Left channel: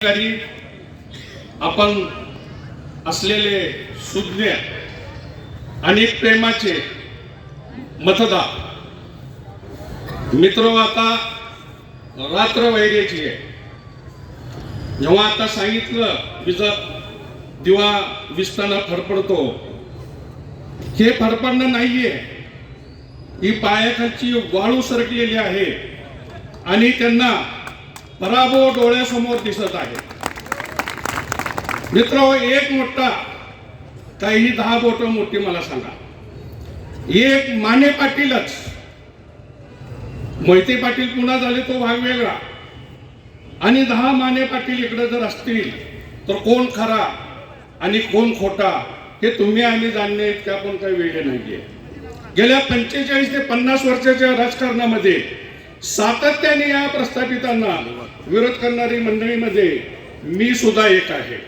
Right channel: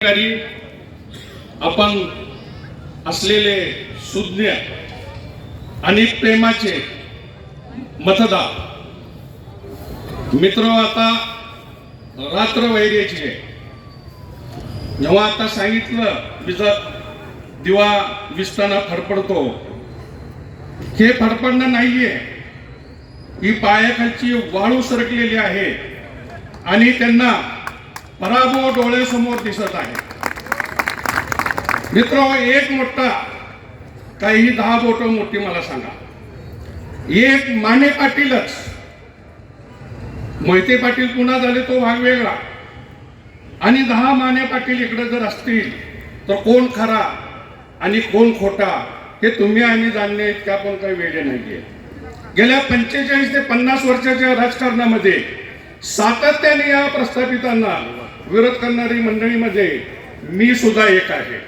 ठिकाणी आपण असलेले सुज्ञ आणि प्रेमाचे मतदार. मित्र हो आता रात्र वैरेची जेव्हा आता सांगितलं विज दिवा विसताना फडफडतो. हे फडफडणं नाहीये. ही पायाखालची वाळू सरकलेली आहे. आणि त्यांना पराभव डोळ्यासमोर दिसत आहे. मित्र एक मोठा काही दहा बोट मोठी मला सांगा. एक माने पाटीलच. मोहिते पाटील पुन्हा झाले तो भाग वेगळा. आणि दहा माने पाटील इकडे जर असतील तर कोण खरा आणि कोण खोटा हे तुम्ही आणि जाणणे इतके आपण काही वेगळे नाहीये. गेल्या पंचेचाळीस ते पन्नास वर्षाच्या राजकारणामध्ये सातत्याने या प्रस्थापितांना विरोध करणारी मंडळीमध्ये मी सुद्धा एक आहे.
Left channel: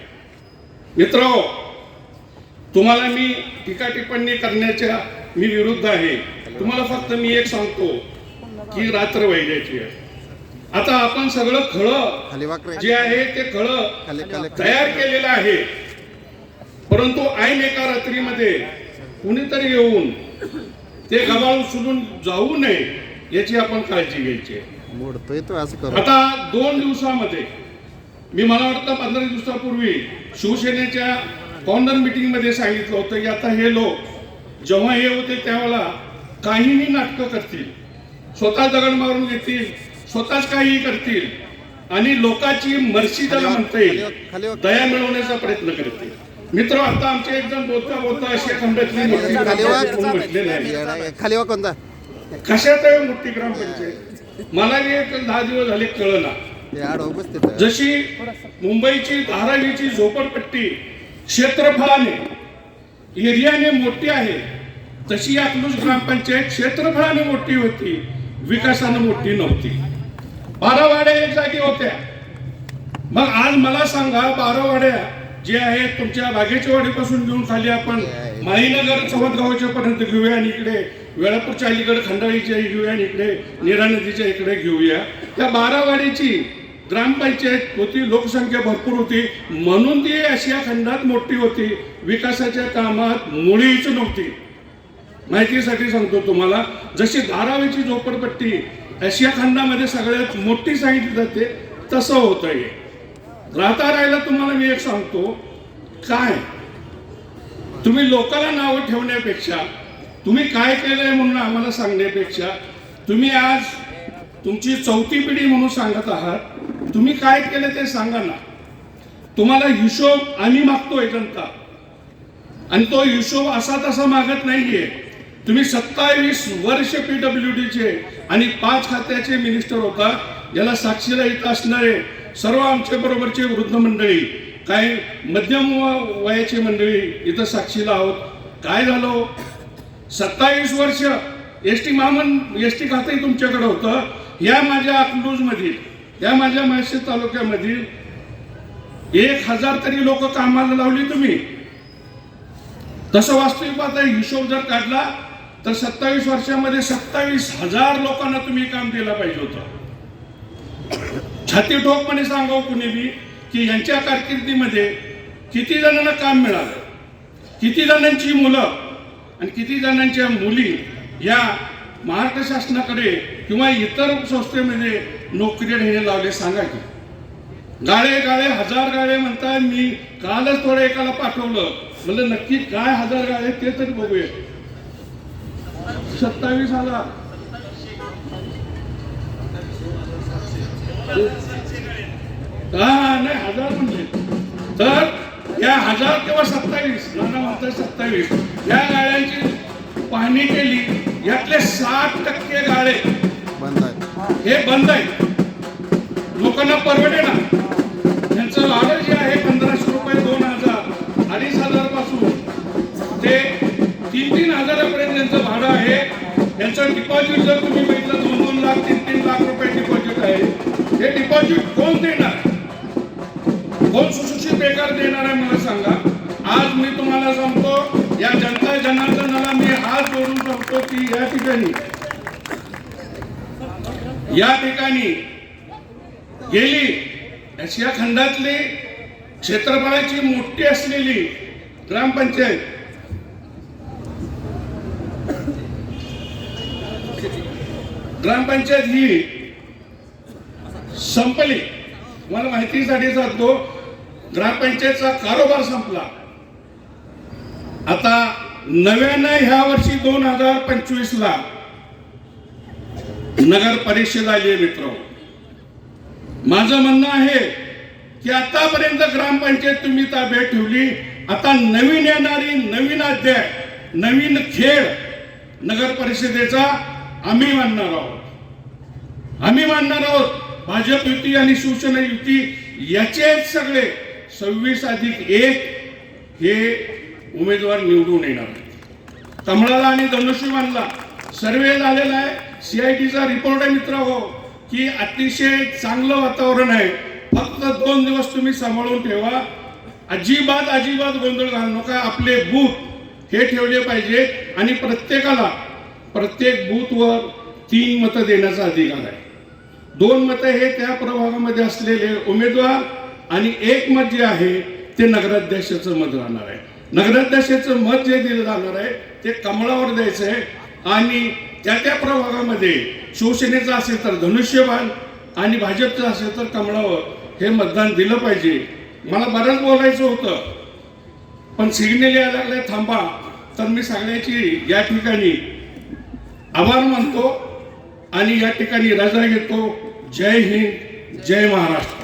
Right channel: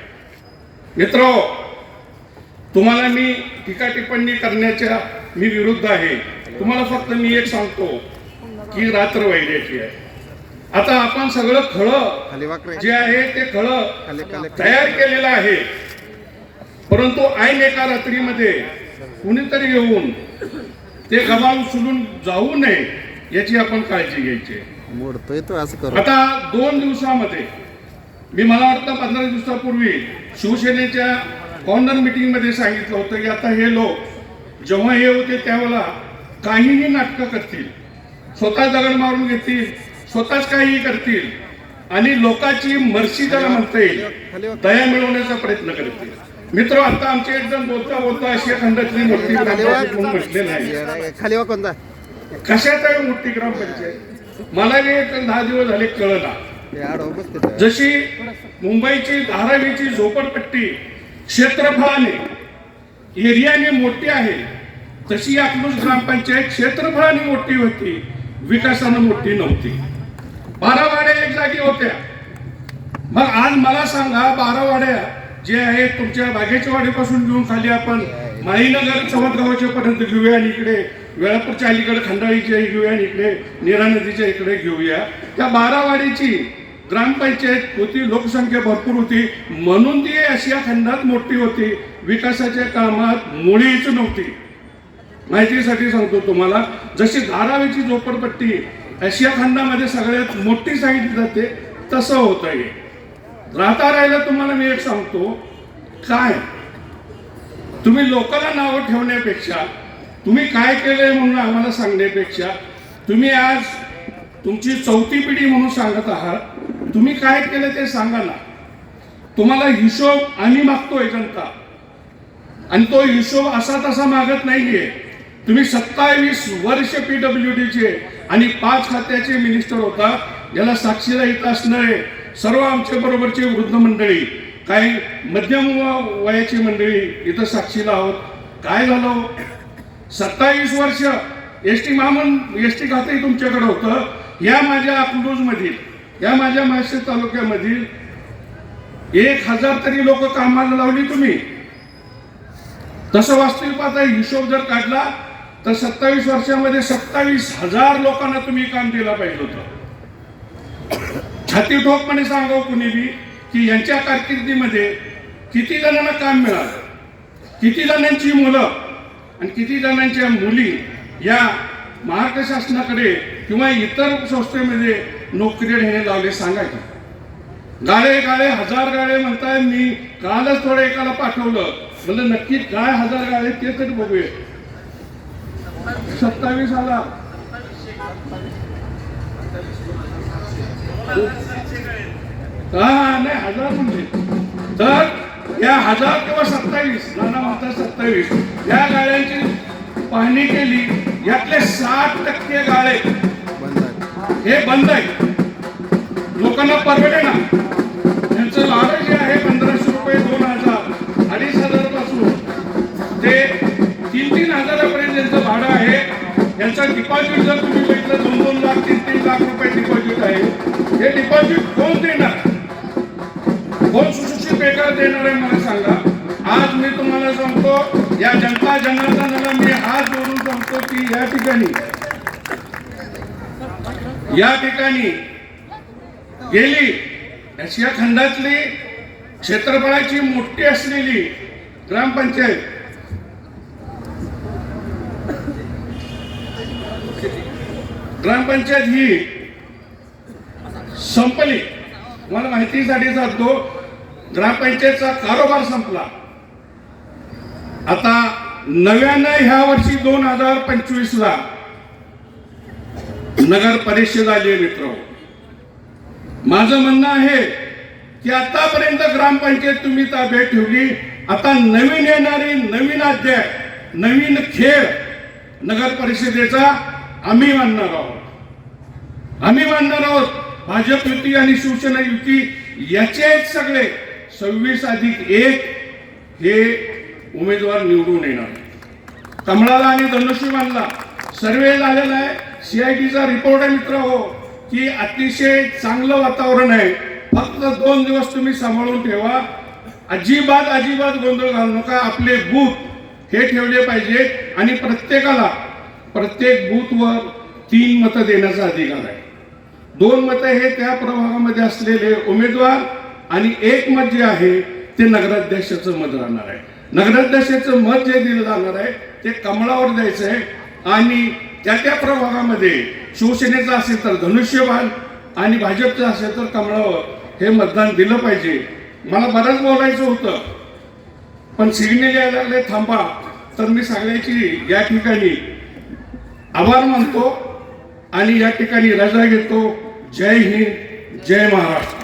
मित्र तुम्हाला मी टीका टिप्पणी करण्याच्या मी विरुद्ध आहे. तुम्हाला फक्त मी एक सांगतो की रात्र वैद्याची आहे. आता आपण सगळं खळं जे आहे ते खळं तयार केलेलं आहे. परंतु ऐन एका रात्रीमध्ये कुणीतरी येऊन ते गबाळ उचलून जाऊ नये याची आपण काळजी घ्यायची आहे. मोडतोय तो असं करू. आता दोन दिवसामध्ये मी मला वाटतं पंधरा दिवसापूर्वी शिवसेनेच्या कॉर्नर मीटिंगमध्ये सांगितलं होतं की आता हे लोक जेव्हा हे होते त्यावेळेला काहीही नाटकं करतील. स्वतः दगड मारून घेतील स्वतःच काहीही करतील आणि लोकांची मर्सी त्याला म्हणता येईल दया मिळवण्याचा प्रयत्न करतील. मित्र आता आमचे एकदम बोलता बोलता आशिया खंडातली मोठी म्हटलेलं आहे खाली कोणता? कशात आहे मोठी ग्रामपंचायत मला नाही दहा दिवस झाले कळला. जशी मुंबईची धारावीची झोपडपट्टी क्षेत्रफळाने एरियाने मोठी आहे तशी अकलूज ग्रामपंचायत क्षेत्रफळाने मोठी होती विकासानं मोठी नव्हती. बारा वाड्या एक जागी होत्या. मग आज मला सांगा बारा वाड्या जे आहेत तुमच्या बागेच्या वाडीपासून घेऊन खाली आपण माहीनगर चवतगावच्या पर्यंत घेऊया आणि इकडे वेळापूरच्या अलीकडे खंडाळीच्या घेऊया आणि इकडे निरा नदीच्या इकडे घेऊया. त्या बारावाडीची ग्रामपंचायत होती लोकसंख्या भरपूर होती. म्हणून ती आशिया खंडात मोठी होती. विकासाच्या कामात मुळीच नव्हती. माहितीसाठी सांगतो तुम्हाला जशी धारावीची झोपडपट्टी आशिया खंडामध्ये सगळ्यात मोठी सांगितली जाते तसं होत आहे राहता राहायला तुम्हाला मी एक सांगतो काय? तुम्ही लोकाला नावं ठेवण्यापेक्षा तुम्ही काय केलंय म्हणून आम्हाला सांगण्यापेक्षा तुम्ही आज तुमची चौथी पिढी म्हणून सांगत आहात. तुम्ही काय केलं ते सांगा ना. तुम्हाला हिशोब आम्ही मागतोय जनता. आणि तो हिशोब असा तसा मागत नाहीये. तुम्ही सत्तावीस वर्ष पीडब्ल्यू डीचे आणि पाच खात्याचे मिनिस्टर होता. याला साक्षीला येत असणारे सर्व आमच्या बरोबरचे वृद्ध मंडळी काही मध्यम व- वयाची मंडळी इथं साक्षीला आहोत. काय झालं? सत्तावीस वर्ष एस टी महामं एस टी खातंही तुमच्याकडे होतं. या माझ्या अकलूजमधील या माझ्या मासे तालुक्यामधील एक हजार तरी लोक कामाला लावली तुम्ही. तसं वास्तविक आता हिशोब जर काढला तर सत्तावीस वर्षामध्ये सत्तावीस हजार लोकांना तुम्ही काम दिलं पाहिजे होतं. छाती ठोकपणे सांगावं कुणी बी की यांच्या कारकिर्दीमध्ये किती जणांना काम मिळालं? किती जणांची मुलं? आणि किती जणांच्या मुली या महाराष्ट्र शासनाकडे किंवा इतर संस्थेमध्ये नोकरी हे लावले सांगायचे? गाळे गाळे हजार गाळे म्हणताय मी कालच थोडं एकाला पाठवलं. म्हणलं नक्की काय हजार गाळे ते तरी बघूया. सत्तावीस हजार हा हा, नाही हजार म्हणजे. तर या हजार किंवा सत्तावीस नाना म्हणतात सत्तावीस. या गाड्यांची पाहणी केली यातले साठ टक्के गाळे. बंद आहे हे बंद आहे लोकांना परवडे ना. त्यांचं भाडं जे आहे पंधराशे रुपये दोन हजार अडीच हजारपासून ते तीन तीन हजारापर्यंत त्यांचं भाडं आहे. यांचं डिपॉझिट जर तुम्ही बघितलं दोन दोन लाख तीन तीन लाख रुपये डिपॉझिट आहे. हे डिपॉझिट कोण देणार? कोण सुशिक्षित बेकार देणार आहे? सांगतो की या ठिकाणी. या ठिकाणी गेली. आशिया खंडातली क्षेत्रफळाची मोठी असलेली ग्रामपंचायत. ग्रामपंचायत ही संपली. मला माहितीसाठी सांगतो ग्रामपंचायतचा कारोबार संपला. आता नव्यानं ह्या वर्षी दोन हजार पंचवीस ला नगर परिषद आली आहे मित्र. माझं म्हणणं आहे की आतापर्यंत ग्रामपंचायत तुम्ही ताब्यात ठेवली. आता नवीन येणारी नवीन अध्याय नवीन खेळ नगर परिषदेचा आम्ही मानणार आहोत. आम्ही मानणार आहोत भाजप युती आणि शिवसेना युती याचे आहेत सगळे. सव्वीस अधिक एक हे उमेदवार निवडून येणार. कमळाला आणि धनुष्यबाणला सर्वे झालेला आहे. सीआयटीचा रिपोर्ट आहे मित्र हो की अतिशय चांगलं वातावरण आहे. फक्त दोन दिवस तुम्ही सांभाळून ठेवा. अजिबात अजिबात गोंधळ घालू नका. आपले बूथ हे ठेवले पाहिजेत. आणि प्रत्येकाला प्रत्येक बूथवर तीन मतं देण्याचा अधिकार आहे. दोन मतं हे त्या प्रभागामध्ये असलेले उमेदवार आणि एक मत जे आहे ते नगराध्यक्षाचं मत राहणार आहे. नगराध्यक्षाचं मत जे दिलं जाणार आहे ते कमळावर द्यायचं आहे आणि त्या त्या प्रभागामध्ये शिवसेनेचं असेल तर धनुष्यबाण आणि भाजपचं असेल तर कमळावर हे मतदान दिलं पाहिजे. मला बरंच बोलायचं होतं. पण सिग्नल यायला लागले थांबा. तर मी सगळ्याची या ठिकाणी आभार मानतो आणि या ठिकाणी रजा घेतो. जय हिंद जय महाराष्ट्र.